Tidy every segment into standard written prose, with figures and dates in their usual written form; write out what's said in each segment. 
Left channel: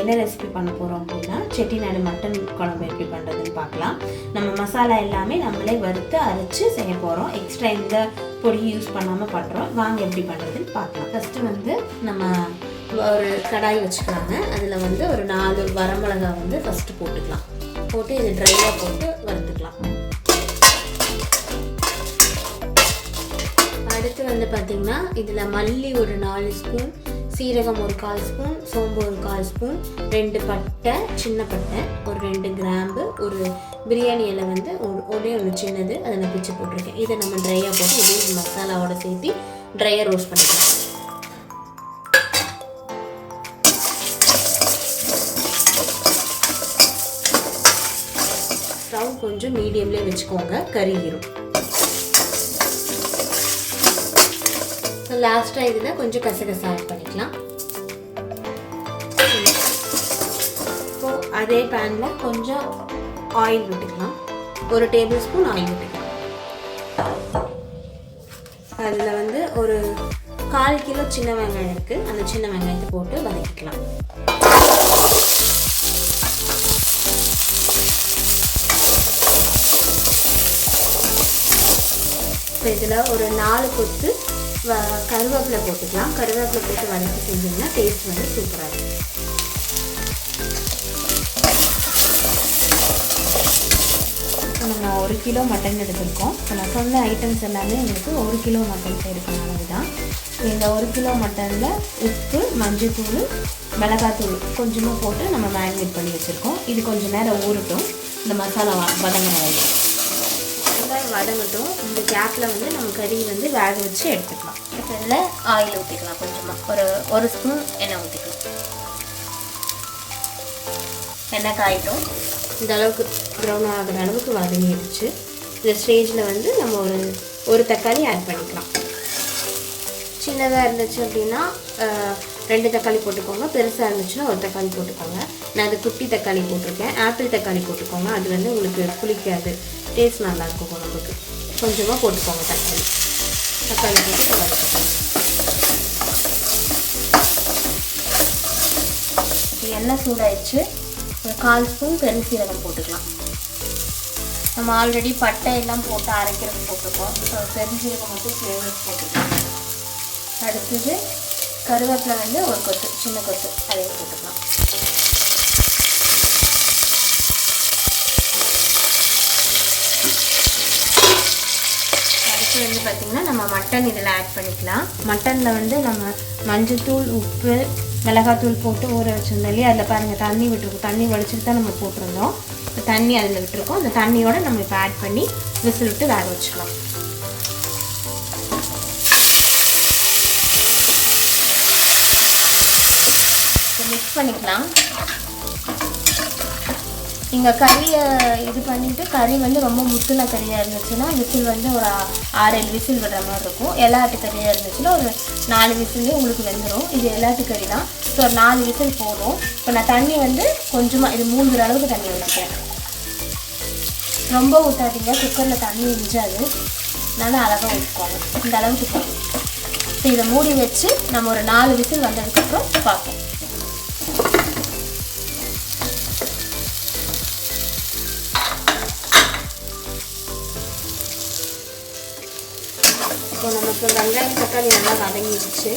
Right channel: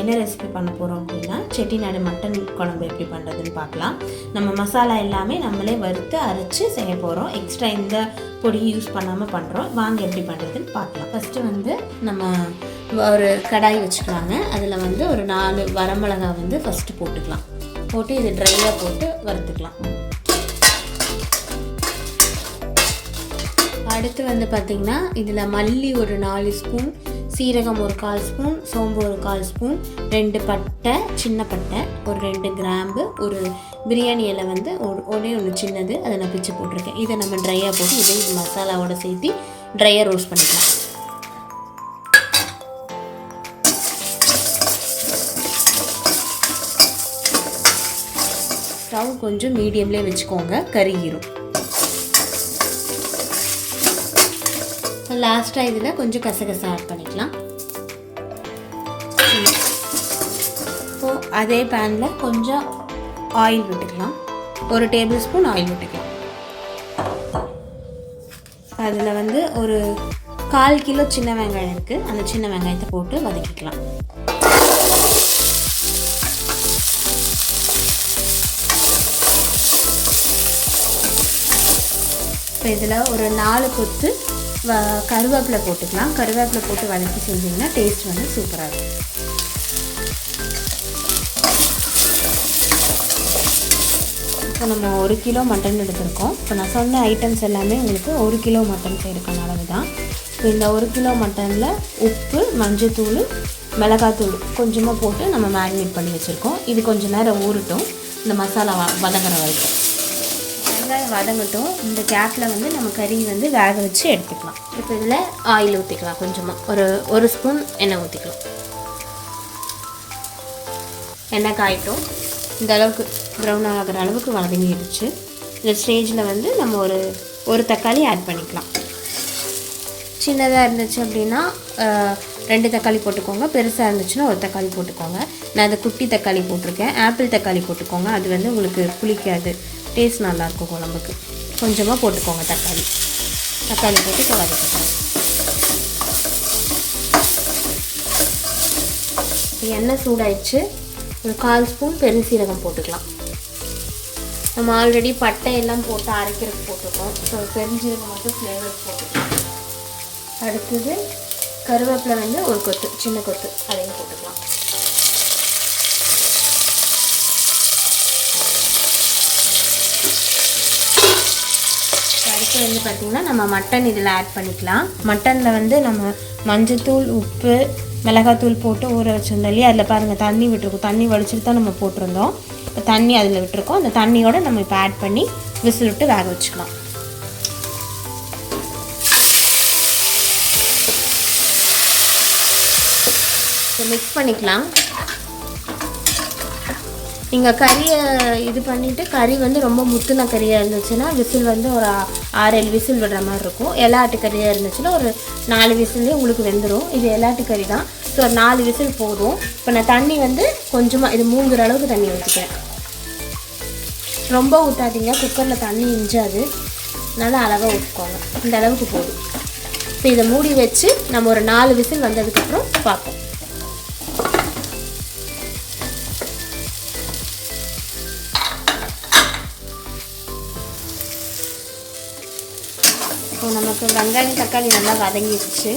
என்ன ரெசிபி பண்ண போகிறோம் அப்படின்னா செட்டிநாடு மட்டன் குழம்பு எப்படி பண்ணுறதுன்னு பார்க்கலாம். நம்ம மசாலா எல்லாமே நம்மளே வறுத்து அரைச்சி செய்ய போகிறோம். எக்ஸ்ட்ரா எந்த பொடி யூஸ் பண்ணாமல் பண்ணுறோம். வாங்க எப்படி பண்ணுறதுன்னு பார்க்கலாம். ஃபஸ்ட்டு வந்து நம்ம ஒரு கடாய் வச்சுக்கலாங்க. அதில் வந்து ஒரு 4 வரமிளகாய் வந்து ஃபஸ்ட்டு போட்டுக்கலாம். போட்டு இது ட்ரையாக போட்டு வறுத்துக்கலாம். அடுத்து வந்து பார்த்திங்கன்னா இதில் மல்லி ஒரு 4 ஸ்பூன், சீரகம் ஒரு 1/4 ஸ்பூன், சோம்பு ஒரு 1/4 ஸ்பூன், 2 பட்டை, சின்ன பட்டை, ஒரு 2 கிராம்பு, ஒரு பிரியாணி இலை வந்து ஒரே ஒன்று சின்னது, அதை நான் பிச்சு போட்டிருக்கேன். இதை நம்ம ட்ரையாக போட்டு இதே மசாலாவோட சேர்த்து ட்ரையாக ரோஸ்ட் பண்ணிக்கலாம். ஸ்டவ் கொஞ்சம் மீடியம்லேயே வச்சுக்கோங்க, கருகிரும். லாஸ்ட்டாக இதில் கொஞ்சம் கசகசா ஆட் பண்ணிக்கலாம். ஸோ அதே பேனில் கொஞ்சம் ஆயில் விட்டுக்கலாம். 1 டேபிள் ஸ்பூன் ஆயில் விட்டுக்கலாம். அதில் வந்து ஒரு 1/4 கிலோ சின்ன வெங்காயம் இருக்குது. அந்த சின்ன வெங்காயத்தை போட்டு வதக்கிக்கலாம். இப்போ இதில் ஒரு 4 கொத்து கருவேப்பிலை போட்டுக்கலாம். கருவேப்பிலை போட்டு வதக்கி செஞ்சிங்கன்னா டேஸ்ட் வந்து சூப்பராக இருக்கும். இப்போ நம்ம 1 கிலோ மட்டன் எடுத்திருக்கோம். இப்போ நான் சொன்ன ஐட்டம்ஸ் எல்லாமே உங்களுக்கு 1 கிலோ மட்டன் செய்யறதுக்கு அளவு தான். இந்த 1 கிலோ மட்டனில் உப்பு, மஞ்சள்தூள், மிளகாத்தூள் கொஞ்சமாக போட்டு நம்ம மேரினேட் பண்ணி வச்சுருக்கோம். இது கொஞ்சம் நேரம் ஊறட்டும், இந்த மசாலா வதங்குற வரைக்கும். வெங்காயம் வதங்கட்டும். இந்த கேப்பில் வந்து நம்ம கறி வந்து வேக வச்சு எடுத்துக்கலாம். இப்போ இதில் ஆயில் ஊற்றிக்கலாம். கொஞ்சமாக ஒரு ஸ்பூன் எண்ணெய் ஊற்றிக்கலாம். எண்ணெய் காயிட்டும். இந்த அளவுக்கு ப்ரௌன் ஆகிற அளவுக்கு வதங்கிடுச்சு. இந்த ஸ்டேஜில் வந்து நம்ம ஒரு தக்காளி ஆட் பண்ணிக்கலாம். சின்னதாக இருந்துச்சு அப்படின்னா 2 தக்காளி போட்டுக்கோங்க. பெருசாக இருந்துச்சுன்னா 1 தக்காளி போட்டுக்கோங்க. நான் அது குட்டி தக்காளி போட்டிருக்கேன். ஆப்பிள் தக்காளி போட்டுக்கோங்க. அது வந்து உங்களுக்கு புளிக்காது, டேஸ்ட் நல்லாயிருக்கும் குழம்புக்கு. கொஞ்சமாக போட்டுக்கோங்க தக்காளி போட்டு வதக்கிக்கோங்க. எண்ணெய் சூடாயிடுச்சு. ஒரு 1/4 ஸ்பூன் பெருஞ்சீரகம் போட்டுக்கலாம். நம்ம ஆல்ரெடி பட்டை எல்லாம் போட்டு அரைக்கிறது போட்டுருக்கோம். ஸோ பெருஞ்சீரகம் மட்டும் ஃப்ளேவர்ஸ் போட்டுக்கலாம். அடுத்தது கருவேப்பிலை வந்து ஒரு கொத்து, சின்ன கொத்து, அதையும் போட்டுக்கலாம். அடுத்து வந்து பார்த்திங்கன்னா நம்ம மட்டன் இதில் ஆட் பண்ணிக்கலாம். மட்டனில் வந்து நம்ம மஞ்சள்தூள், உப்பு, மிளகாத்தூள் போட்டு ஊற வச்சுருந்தோம் இல்லையா, அதில் பாருங்கள் தண்ணி விட்டுருக்கோம். தண்ணி வலிச்சுட்டு தான் நம்ம போட்டிருந்தோம். இப்போ தண்ணி அதில் விட்டுருக்கோம். அந்த தண்ணியோடு நம்ம இப்போ ஆட் பண்ணி விசில் விட்டு வேக வச்சுக்கலாம். மிக்ஸ் பண்ணிக்கலாம். நீங்கள் கறியை இது பண்ணிவிட்டு கறி வந்து ரொம்ப முத்துன கறியாக இருந்துச்சுன்னா விசில் வந்து ஒரு 6-7 விசில் விடுற மாதிரி இருக்கும். எலாட்டு கறியாக இருந்துச்சுன்னா ஒரு 4 விசிலே உங்களுக்கு வெந்துடும். இது எலாட்டு கறி தான். ஸோ ஒரு 4 விசில் போதும். இப்போ நான் தண்ணி வந்து கொஞ்சமாக இது 3 அளவுக்கு தண்ணி ஊற்றிக்கிறேன். ரொம்ப ஊற்றாதீங்க, குக்கரில் தண்ணி இஞ்சாது. நல்லா அழகாக ஊற்றிக்கோங்க. இந்த அளவுக்கு போதும். இப்போ இதை மூடி வச்சு நம்ம ஒரு 4 விசில் வந்ததுக்கப்புறம் பார்ப்போம். இப்போ நமக்கு வெங்காயம் தக்காளி நல்லா வதங்கிடுச்சு.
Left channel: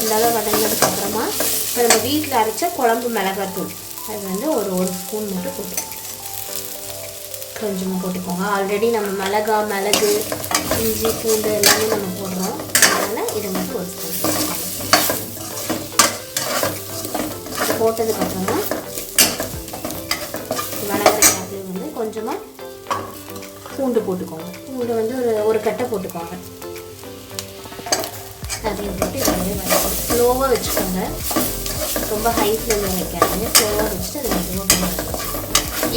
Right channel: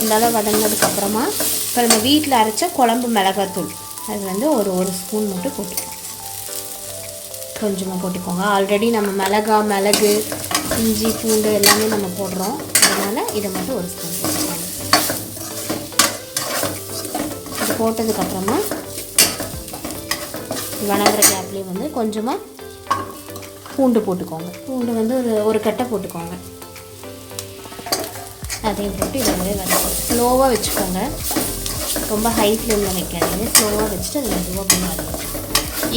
இந்த அளவு வதங்கினதுக்கப்புறமா இப்போ நம்ம வீட்டில் அரைச்ச குழம்பு மிளகாத்தூள் அது வந்து ஒரு ஸ்பூன் மட்டும் போட்டுக்கோங்க. கொஞ்சமாக போட்டுக்கோங்க. ஆல்ரெடி நம்ம மிளகு, இஞ்சி, பூண்டு எல்லாமே நம்ம போடுறோம். அதனால் இதை மட்டும் 1 ஸ்பூன் போட்டுக்கோங்க. இது போட்டதுக்கப்புறமா வதங்குற கேப்லேயே வந்து கொஞ்சமாக பூண்டு போட்டுக்கோங்க. பூண்டு வந்து ஒரு கட்டை போட்டுக்கோங்க. அதையும் போட்டு இதை வந்து ஸ்லோவாக வச்சுக்கோங்க. ரொம்ப ஹை ஃப்ளேமில் வைக்காது. ஸ்லோவாக வச்சுட்டு அது மெதுவாக வதக்கணும்.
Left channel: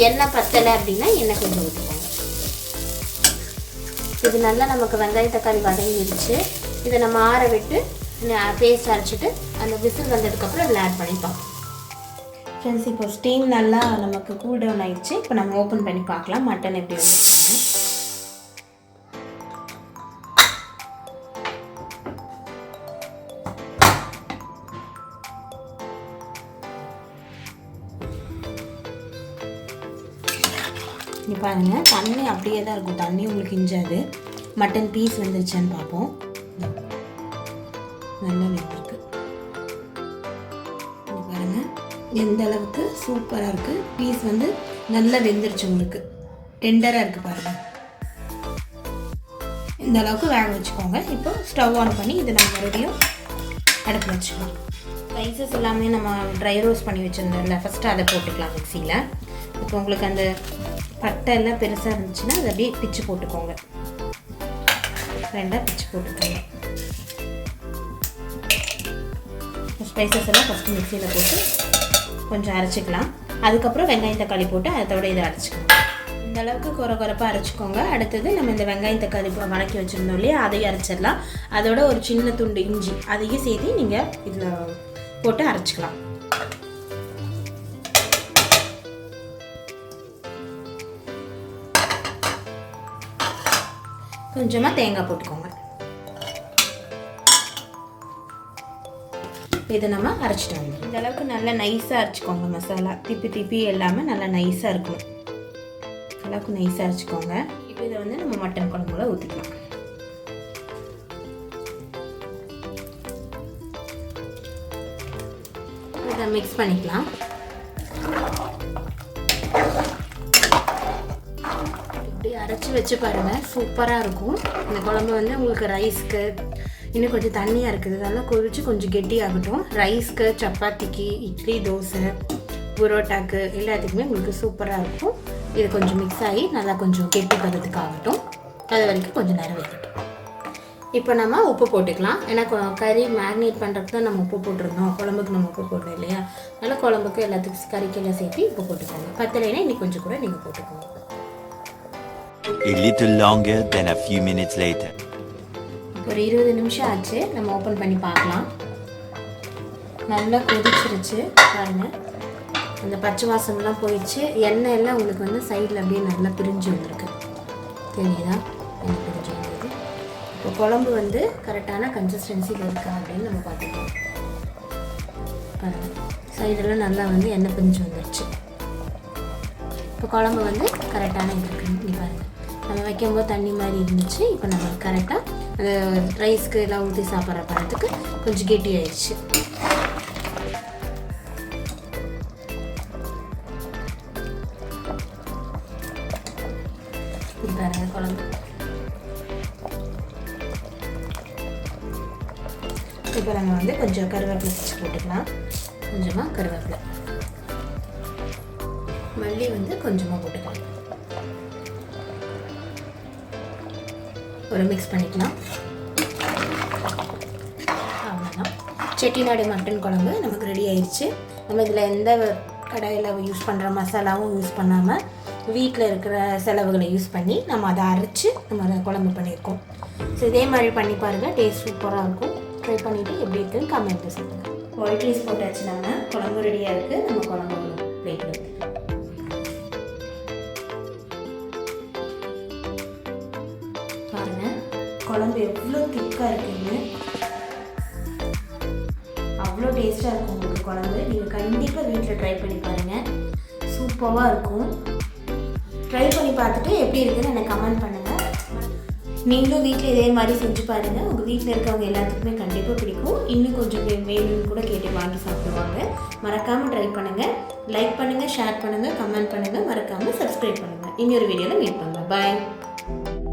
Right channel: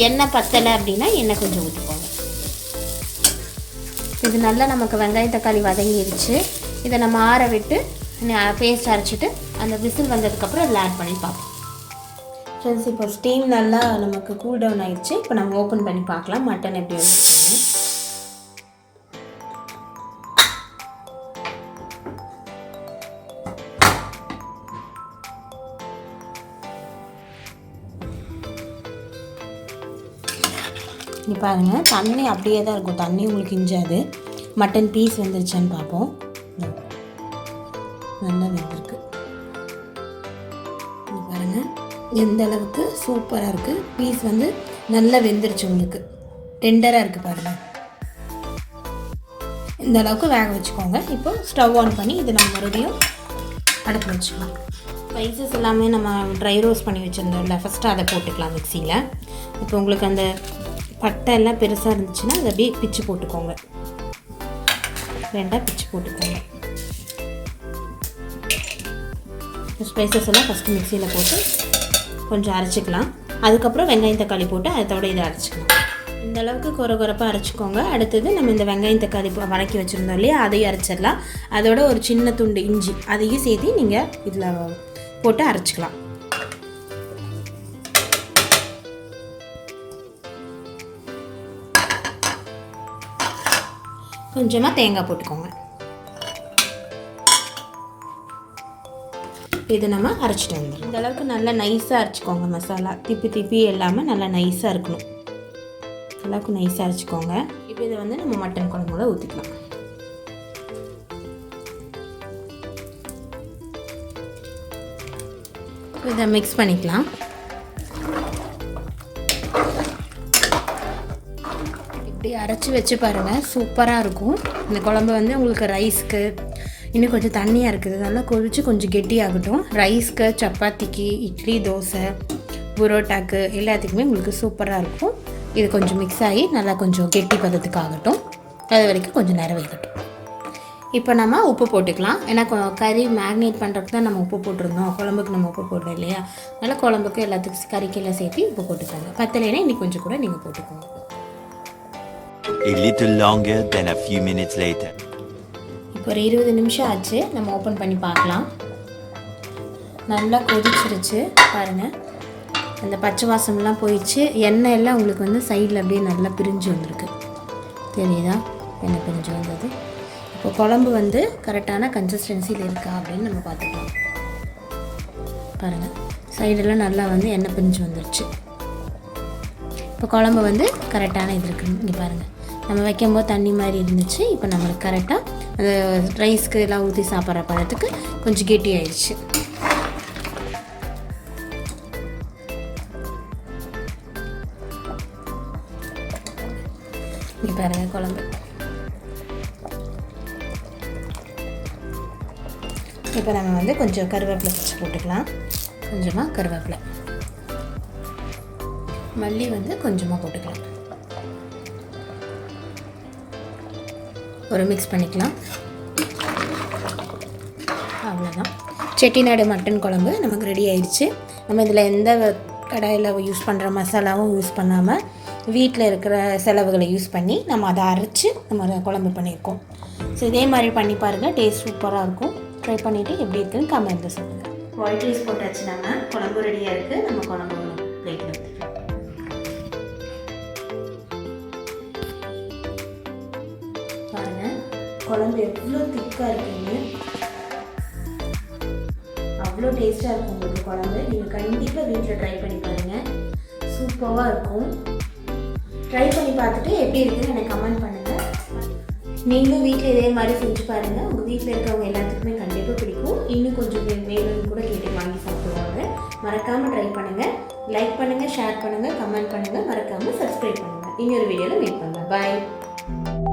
எண்ணெய் பத்தலை அப்படின்னா எண்ணெய் கொஞ்சம் ஊற்றிக்கோங்க. இது நல்லா நமக்கு வெங்காயம் தக்காளி வதங்கிடுச்சு. இதை நம்ம ஆற விட்டு பேஸ்ட் அரைச்சிட்டு அந்த விசில் வந்ததுக்கப்புறம் அதில் ஆட் பண்ணி பார்ப்போம். ஃப்ரெண்ட்ஸ், இப்போ ஸ்டீம் நல்லா நமக்கு கூல் டவுன் ஆகிடுச்சு. இப்போ நம்ம ஓப்பன் பண்ணி பார்க்கலாம் மட்டன் எப்படி வந்துருக்குன்னு. நீ பாருங்கள், தண்ணி அப்படியே தான் இருக்கும், தண்ணி உங்களுக்கு இஞ்சாது. மட்டன் பீஸ் வந்துருச்சான்னு பார்ப்போம். நல்லா வெந்திருக்கு பாருங்கள், எந்த அளவுக்கு சூப்பராக இருக்குது. பீஸ் வந்து நல்லா வெந்துருச்சு, உங்களுக்கு டெண்டராக இருக்குது பாருங்கள். இந்த அளவுக்கு வேக வச்சுக்கோங்க. இப்போ ஸ்டவ் ஆன் பண்ணி இதை நம்ம மறுபடியும் அடுப்பில் வச்சுக்கலாம். ஸ்பைசஸ் எல்லாமே நம்ம ட்ரை ரோஸ்ட் பண்ணி வச்சுருந்தோம்ல, ஃபஸ்ட்டு அதை போட்டுக்கலாம் மிக்சியில். இப்போ உங்களுக்கு அந்த பட்டை எல்லாம் பெருசாக இருந்துச்சுன்னா அதை அப்படியே பிச்சு போட்டுக்கோங்க, 2 பிச்சு போட்டுக்கோங்க. ஸ்பைசஸ் எல்லாம் ஃபஸ்ட்டு மிக்சியில் போட்டு கொஞ்சம் அரைச்சிக்கலாம். அதுக்கப்புறம் வெங்காயம் தக்காளி போட்டு அதோட இதை அரைச்சிக்கலாம். இந்த அளவுக்கு குறைப்பாக அரைச்சிக்கோங்க. அடுத்தது நம்ம இந்த வெங்காயம் தக்காளி வதக்கி வச்சுருந்தோம் இல்லையா, அதையும் அரைச்சிடலாம். அதோட ஒரு சின்ன துண்டு இஞ்சி அதையும் சேர்த்து நீங்கள் இதில் போட்டு அரைச்சிக்கலாம். கொஞ்சமாக தேங்காய் போட்டுக்கோங்க. இதை நம்ம அரைச்சிட்டு வந்துடும். இந்த அளவுக்கு நல்லா நைஸாக அரைச்சிக்கோங்க. மசாலா திப்பி இல்லாமல் நல்லா நைஸாக இருக்கணும். அளவுக்கு நைஸாக அரைச்சிக்கோங்க. இப்போ இதை வந்து நம்ம மட்டன் குழம்புல ஊற்றிக்கலாம். இதை மிக்ஸ் பண்ணிக்கலாம். இப்படி அரைச்சி வச்சு பாருங்கள், சூப்பராக இருக்கும். இந்த குழம்பு வந்து உங்களுக்கு ரைஸ்க்கு இன்னும் கொஞ்சம் தண்ணியாக இருக்குது, நல்லா கொதிச்சு கொஞ்சம் கெட்டியாகட்டும். ரைஸ்க்கு, சப்பாத்திக்கு, இட்லி, தோசை, புரோட்டாக்கு எல்லாத்துக்குமே உங்களுக்கு சூப்பராக இருக்கும். இது கொஞ்சம் மிக்ஸ் ஆகி நல்லா கொஞ்சம் கெட்டி பதத்துக்கு ஆகட்டும். அது வரைக்கும் கொஞ்சம் நேரம் வைக்கட்டும். இப்போ நம்ம உப்பு போட்டுக்கலாம். ஏன்னா கறி மேக்னேட் பண்ணுறதுக்கு தான் நம்ம உப்பு போட்டிருந்தோம், குழம்புக்கு நம்ம உப்பு போட்டோம் இல்லையா. அதனால் குழம்புக்கு எல்லாத்துக்கும் கறிக்கெல்லாம் சேர்த்து உப்பு போட்டுக்கோங்க. பத்தலைன்னா இன்னைக்கு கொஞ்சம் கூட நீங்கள் போட்டுக்கோங்க. A little longer than a few minutes later. இப்போ ஒரு 20 நிமிஷம் ஆச்சு. நம்ம ஓப்பன் பண்ணி பார்க்கலாம். நல்லா கொதிச்சிருச்சு பாருங்கள். அந்த பச்சை வாசம்லாம் போயிடுச்சு. எண்ணெய் எல்லாம் உங்களுக்கு வந்து சைடில் அப்படியே நல்லா பிரிஞ்சு வந்திருக்கு, தெரியுதா? எண்ணெய் பிரிஞ்சு வந்தது. இப்போ குழம்பு வந்து கரெக்டான கன்சிஸ்டன்சியில் இருக்கா அப்படின்னு நம்ம பார்த்துக்கலாம். பாருங்கள், சைடெல்லாம் நல்லா வந்து எண்ணெய் பிரிஞ்சு வந்துருச்சு. இப்போ குழம்பு வந்து கரெக்டான இது இருக்குன்னு இங்கே பாருங்கள். நம்ம வைக்கும்போது தண்ணி மாதிரி இருந்துச்சு. இப்போ நம்மளுக்கு கரெக்டாக ரைஸ்க்கு எல்லாம் ஊற்றி சாப்பிட்ற பழத்துக்கு கொஞ்சம் கெட்டி ஆயிடுச்சு. இங்கே பாருங்கள் குழம்பு. இப்போ நம்ம வந்து கொஞ்சம் கருவேப்பிலை பிச்சு போட்டுக்கலாம். கொஞ்சமாக கருவேப்பிலை, மல்லி வந்து கொஞ்சமாக போட்டுக்கலாம். ஒரு மிக்ஸ் பண்ணிக்கலாம். அவ்வளோதான், செட்டிநாடு மட்டன் குழம்பு நமக்கு ரெடி ஆயிடுச்சு. நம்ம இதில் எந்த கடாயில் யூஸ் பண்ணுற மசாலாவும் யூஸ் பண்ணாமல் வீட்டில் இருக்கிற செலவுகளை யூஸ் பண்ணி நம்ம அதை அரைச்சி நம்ம அதை குழம்பு பண்ணியிருக்கோம். ஸோ இதே மாதிரி பண்ணி பாருங்கள், டேஸ்ட் சூப்பராக இருக்கும். ட்ரை பண்ணிவிட்டு எப்படி இருக்குன்னு கமெண்ட்டில் சொல்லுங்கள். ஒயிட் ரைஸ் போட்டாச்சு, நம்ம குழம்பு ரெடியாக இருக்குது. நம்ம குழம்பு பிளேட்டில் ஊற்றிக்கலாம். பாருங்கள் குழம்பு எவ்வளோ திக்காக இருக்குன்னு, அவ்வளோ டேஸ்ட்டாக இருக்கும் உங்களுக்கு குழம்பு. நீங்கள் கண்டிப்பாக வீட்டில் ட்ரை பண்ணி பாருங்கள், சூப்பராக இருக்கும். ட்ரை பண்ணி பார்த்துட்டு எப்படி இருக்குன்னு எனக்கு கமெண்ட் பண்ணுங்கள். நீங்களும் வீட்டில் இதே மாதிரி செஞ்சு பாருங்கள். உங்கள் வீட்டில் இருக்கவங்க எல்லாத்துக்குமே கண்டிப்பாக பிடிக்கும். இன்னும் கொஞ்சம் வேணும்னு கூட கேட்டு வாங்கி சாப்பிடுவாங்க. மறக்காமல் ட்ரை பண்ணுங்கள். லைக் பண்ணுங்கள், ஷேர் பண்ணுங்கள், கமெண்ட் பண்ணுங்கள், மறக்காமல் சப்ஸ்கிரைப் பண்ணுங்கள். இன்னொரு வீடியோவில் மீட் பண்ணுங்கள். பாய்.